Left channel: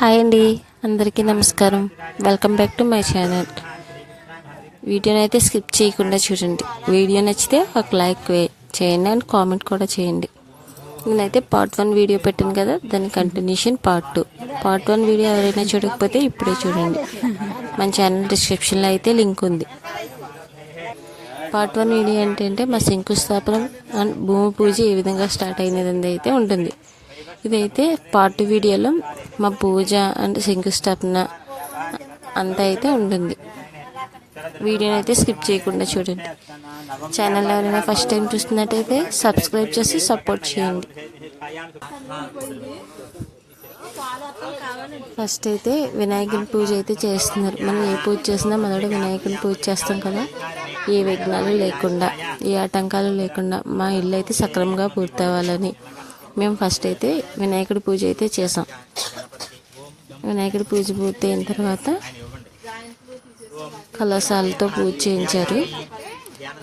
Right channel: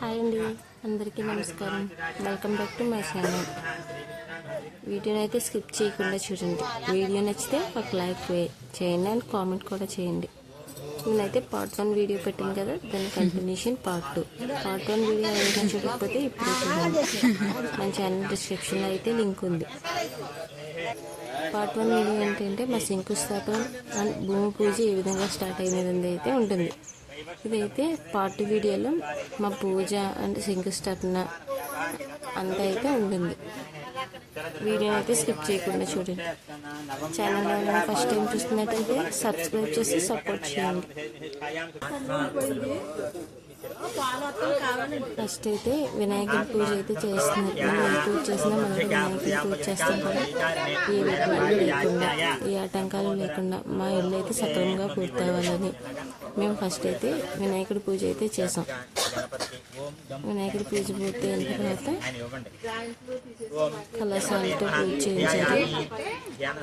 Hi అండి. అందరికీ నమస్కారం. Welcome back to my channel వీడియోని అయితే స్కిప్ చేయకుండా చూడండి. వీడియో నచ్చితే ఒక లైక్ వే చేయండి అండ్ కామెంట్ కూడా చేయండి. నేనైతే పార్ట్ వన్ వీడియో పెట్టాను కదా దాని continuation part two part one video ఎవరైనా చూడకపోతే ఇప్పుడే చూడండి. మన ఛానల్ డిస్క్రిప్షన్లో అయితే లింక్ ఉంది. పార్ట్ వన్ వీడియో ఏంటంటే మా శంకుస్థాపనం అండ్ భూమి పూజ ఏ విధంగా స్టార్ట్ అయినది అయితే ఉంటుంది. ఇదైతే పార్ట్ వీడియోలో మా పూజ అంటే శంకుస్థాపన అంతా అయితే ఉంటుంది. వీడియోని అయితే స్కిప్ చేయకుండా చూడండి. ఛానల్ ఎవరైనా ఫస్ట్ టైం చూస్తున్నట్టయితే సబ్స్క్రైబ్ చేసి సపోర్ట్ చేయండి. ఫస్ట్ అయితే వినాయకుని పూజ అయితే చేస్తున్నారు. మనం ఏ పూజ చేసినా మొదట వినాయకుని పూజ చేస్తాం కదా. ఏ విఘ్నాలు లేకుండా ఏ ఆటంకాలు లేకుండా మా ఇల్లు అయితే సక్రమంగా పూర్తవ్వాలని మేము ఫస్ట్ అయితే వినాయకుడి పూజ అయితే చేసాం. వినాయకుడి పూజ పూర్తయిన తర్వాత కలశాలతో పూజ చేయించారు.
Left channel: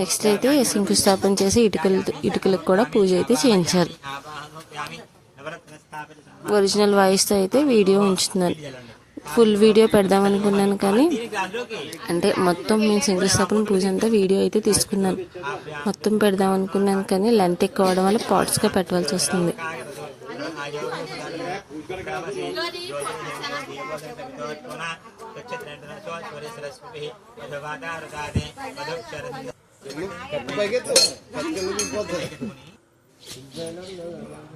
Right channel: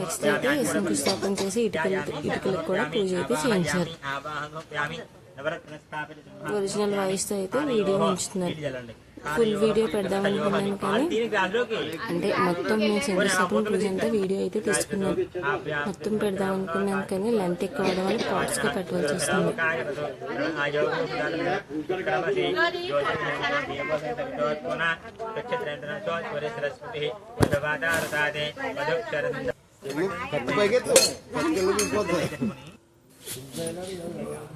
నెక్స్ట్ అయితే శంకుస్థాపన చేసి ఇటుకలు ఇటుకలకు కూడా పూజ అయితే చేయించారు. ఒరిజినల్ వాయిస్తో అయితే వీడియో ఉంచుతున్నారు. ఫుల్ వీడియో పెడదాం అనుకున్నాను కానీ అంటే మొత్తం మేము శంకుస్థాపన పూజ అంతా వీడియో అయితే తీసుకున్నాను. మొత్తం పెడదాం అనుకున్నాను కానీ లెంత్ ఎక్కువ అవడం వల్ల పార్ట్స్గా పెట్టవలసి వస్తుంది. అభిచంద్రావర్తమైనో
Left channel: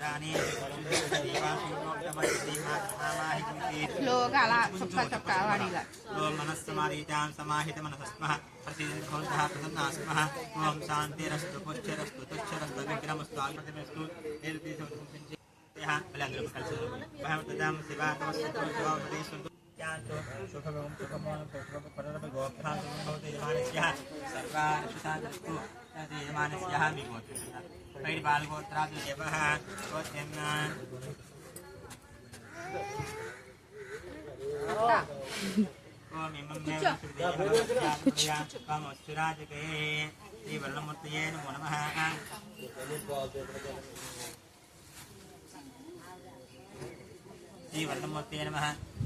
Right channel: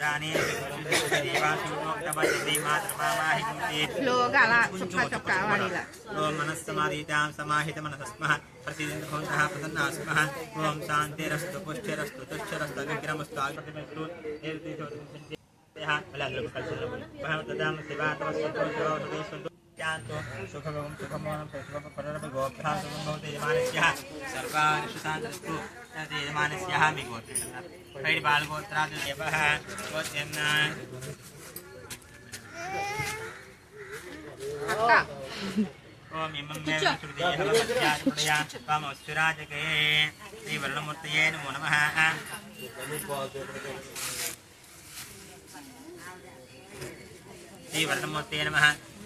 దాని మనస్సమాధీతాం సమాహిత మనసస్మః ప్రసీదంత భవంతః ప్రసన్నాः స్మः ఓం శాంతిరస్తు పుష్టిరస్తు తుష్టిరస్తు విగ్రహమస్తు ఆకృతిమస్తు సుఖభగం సుఖమోనం సుఖపరపి గోభ్యాం సుఖం భవతి యజమానస్య సర్వాణి సుశాంతరస్తు యజమానస్య మీ గోత్రం పైడి బాలగోత్రాదు దేవః గోత్రం ఓం ఇమం మే శృతియా త్వమస్తురాజకే శ్రీ వరుణమూర్తయే నమో నమః శ్రీ వరుణమూర్తయే నమః ఇమం మే వరుణశృతియః దేవస్వమస్త్రాత్ సమర్పయామి పూజాం సమర్పయామి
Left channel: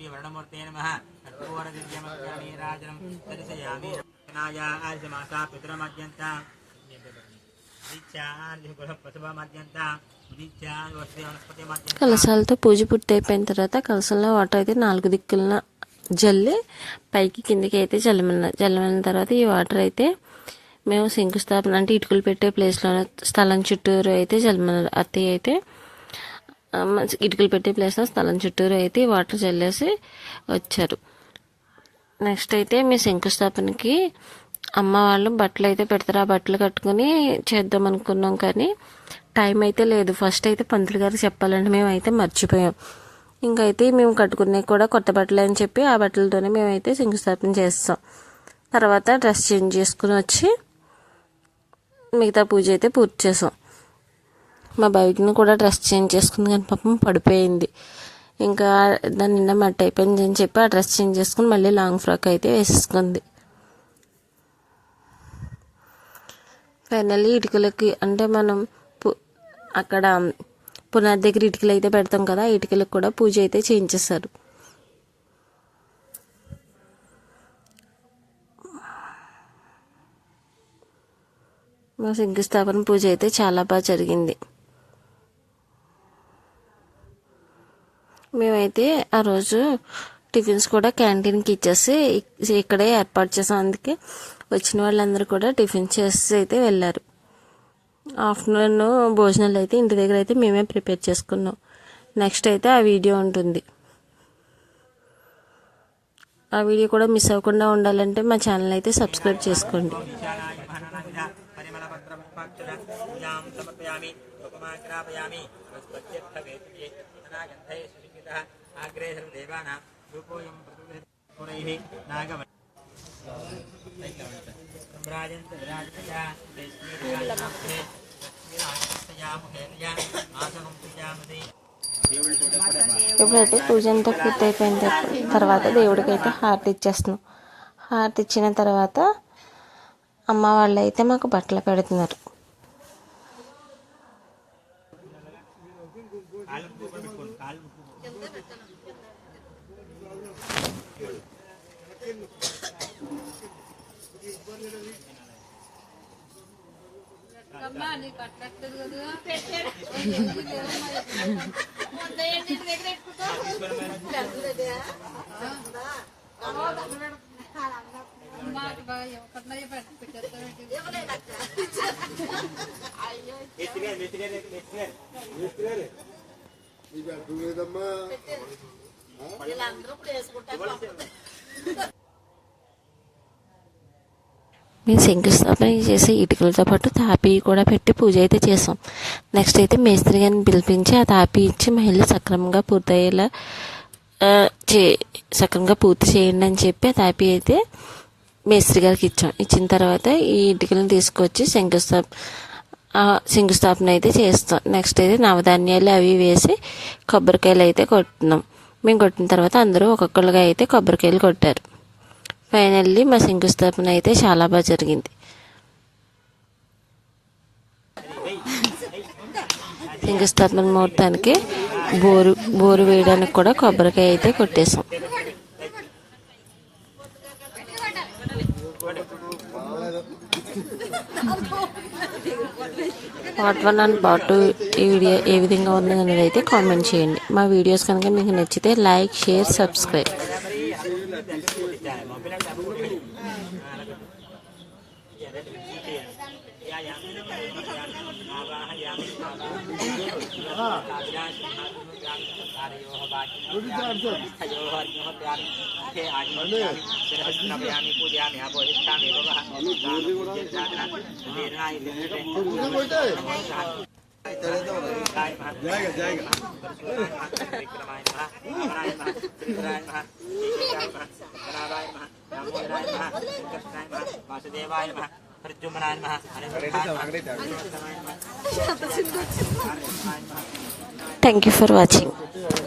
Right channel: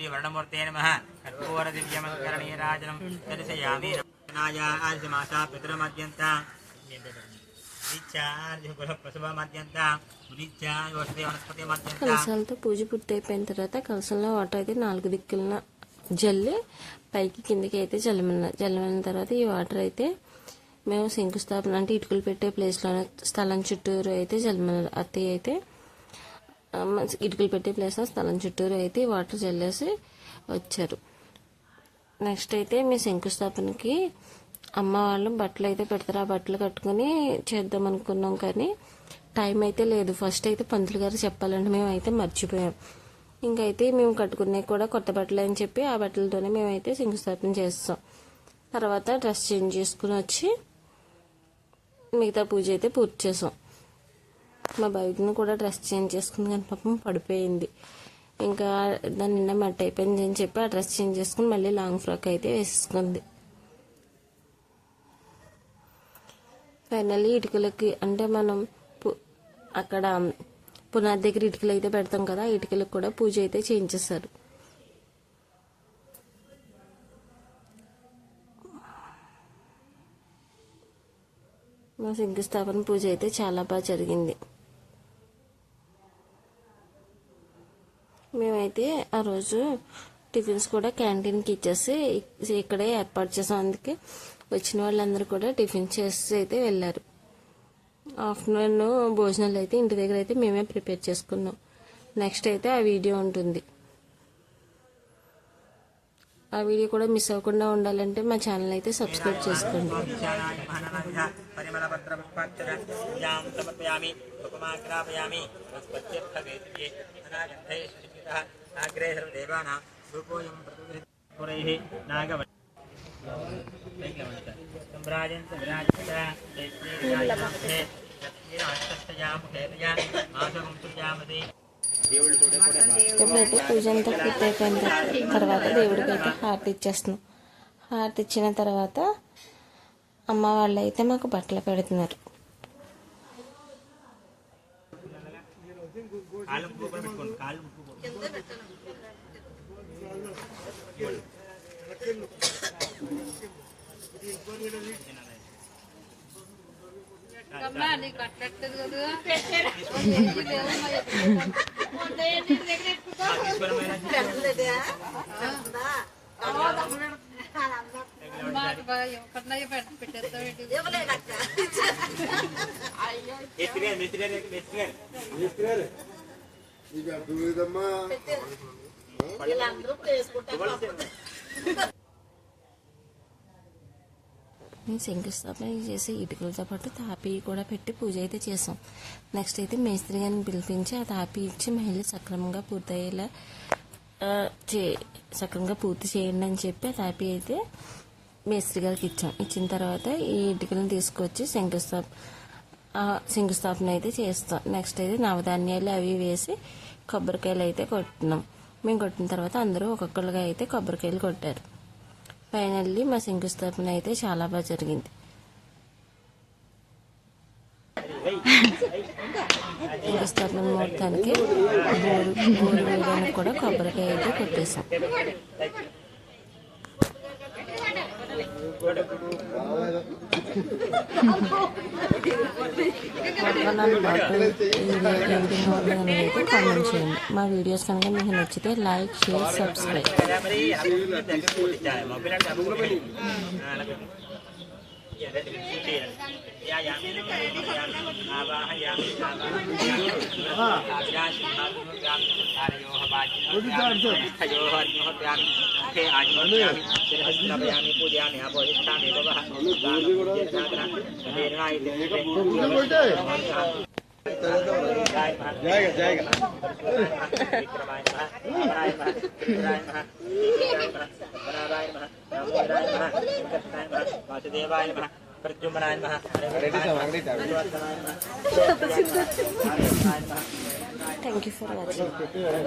శ్రీ వర్ణమూర్తే నమః కర్పూర దివ్యమంగళనీరాజనం దర్శయామి నాయ కలశాలతో పూజ పూర్తి అయిపోయిన తర్వాత కలశంలో వాటర్ అయితే నాలుగు దిక్కులన జల్లి పైకి కిందికి అయితే జల్లమన్నారు జల్లమన్న తర్వాత ఈ వాటర్ అయితే మేము శంకుస్థాపన అంటే ఇటుకలు పెట్టే ప్లేస్లో స్థలం చుట్టూరు అయితే జల్లమన్నారు అత్తయ్య అయితే ఇటుకలు పెట్టే ప్లేస్లో స్థలం చుట్టూరు అయితే వాటర్ చల్లేసి వచ్చారు. నెక్స్ట్ అయితే మీ శంకుస్థాపనకి అమ్మ వాళ్ళు బట్టలు అయితే పెడతారు. ఆ బట్టలు కట్టుకుని చేద్దాం అనుకున్నాం కానీ టైం అయితే లేదు. ఫస్ట్ అయితే పంతులు గారు చెప్పాలంటే మేమైతే మర్చిపోయాం. ఇంకైతే మేము కట్టుకునే కూడా కొత్త బట్టలు అని చెప్పి ఆ బట్టలతోనే మేమైతే శంకుస్థాపన చేస్తాం. తర్వాత డ్రెస్ చేంజ్ చేసుకుని వచ్చి మిగతా పూజ అయితే పూర్తి చేసాం. మా బైక్ని కూడా డ్రెస్ చేంజ్ చేసుకుంది కానీ పాపం పడిపోయింది. ఇంకా దాని నిండా మట్టి అయిపోయింది అని చెప్పి ఆ డ్రెస్ చేంజ్ చేసుకుని మళ్ళీ లాంగ్ ఫ్రాక్ అయితే వేసేసుకుంది. ఫైనల్లీ ఇటుకలకి అంటే మనం పు- అక్కడ పునాది దగ్గర ఇటుకలు అయితే పెడతాం కదా ఇటుకలకు కూడా పూజ అయితే చేయించేస్తారు మా శంకుస్థాపన పూజ అయితే చాలా బాగా జరిగింది. మేమైతే ఆ రోజు టిఫిన్స్ కూడా క్యాంటీన్కి ఇచ్చేసి ఇక్కడే ఏర్పాటు చేసాం. అందుకే వచ్చిన వాళ్ళందరూ కూడా టిఫిన్ చేసి అయితే వెళ్ళారు. ఆఫ్టర్నూన్ భోజనాలు అయితే ఇంటి దగ్గర అయితే మేమే ప్రిపేర్ చేసుకున్నాం. నెక్స్ట్ అయితే ఆ వీడియో ఉంటుంది. ఆ వీడియో కూడా మిస్ అవ్వకుండా ఉండాలంటే మా ఛానల్ అయితే సబ్స్క్రైబ్ చేసుకోండి. ఈశానాయ మహానమంద పరిమళపత్రపుష్పాక్షర పూజాం సమర్పయామి ఉపమాగ్రాపయామి వస్పత్యర్థవేదికే అనాగంధే సుష్మితః నాగ్రే సర్వదేవానాం రూపోయం పురైః నాగవ सम्राजन्त विराजतः जयश्रीविराजनाथे लक्ष्मीराष्ट्रस्तयामुखेतया मासकं पूजयामसि ఇప్పుడైతే పూజ అంతా పూర్తయిపోయిన తర్వా- తర్వాత దేవుడికి అయితే హారతి ఇచ్చేస్తున్నాం హారతి ఇచ్చిన తర్వాత అమ్మ వాళ్ళు అయితే మాకు బట్టలు పెడుతున్నారు మేస్త్రి గారు మేస్త్రి గారు మేస్త్రి గారు ఇక దూరదమ్మా మేము శంకుస్థాపన చేసి ఇటుకలతో పాటు తాపీ కూడా పెట్టి పూజ అయితే చేసాం నెక్స్ట్ అయితే మేస్త్రి గారిని పిలిపించి ఆ తాపి ఇచ్చి మహిళలు సక్రమంగా పూర్తయ్యేలా చే సక్రమంగా పూర్తి చేయండి అని చెప్పి ఆ తాపి అయితే మేస్త్రి గారికి ఇచ్చాం. ఇచ్చిన తర్వాత ఈ ఇటుకలను తీసుకొచ్చి శంకుస్థాప ఆ శంకుస్థాపన అయితే చేస్తాం. నెక్స్ట్ అయితే నవధాన్యాలు అవి వేసి కొబ్బరికాయలు అయితే కొట్టినాం. మేము కొట్టిన తర్వాత అందరూ ఒక్కొక్కరుగా అయితే కొబ్బరికాయలు కొట్టారు. ఫైనల్లీ మా శంకుస్థాపన అయితే చాలా బాగా జరిగింది. శంకుస్థాపన ముహూర్తానికి బోరు బోరు వేయడానికి కూడా కొబ్బరికాయ అయితే కొట్టేసాం part one and part two ఈ వీడియో ఏ విధంగా ఉంది అనేది అయితే కామెంట్ చేయండి. మా వీడియోస్ కనుక మీకు నచ్చితే లైక్ షేర్ సబ్స్క్రైబ్ దగ్గర కొట్టించాలి ప్రద్యుమ్నాయ నమ థ్యాంక్ యూ ఫర్ వాచింగ్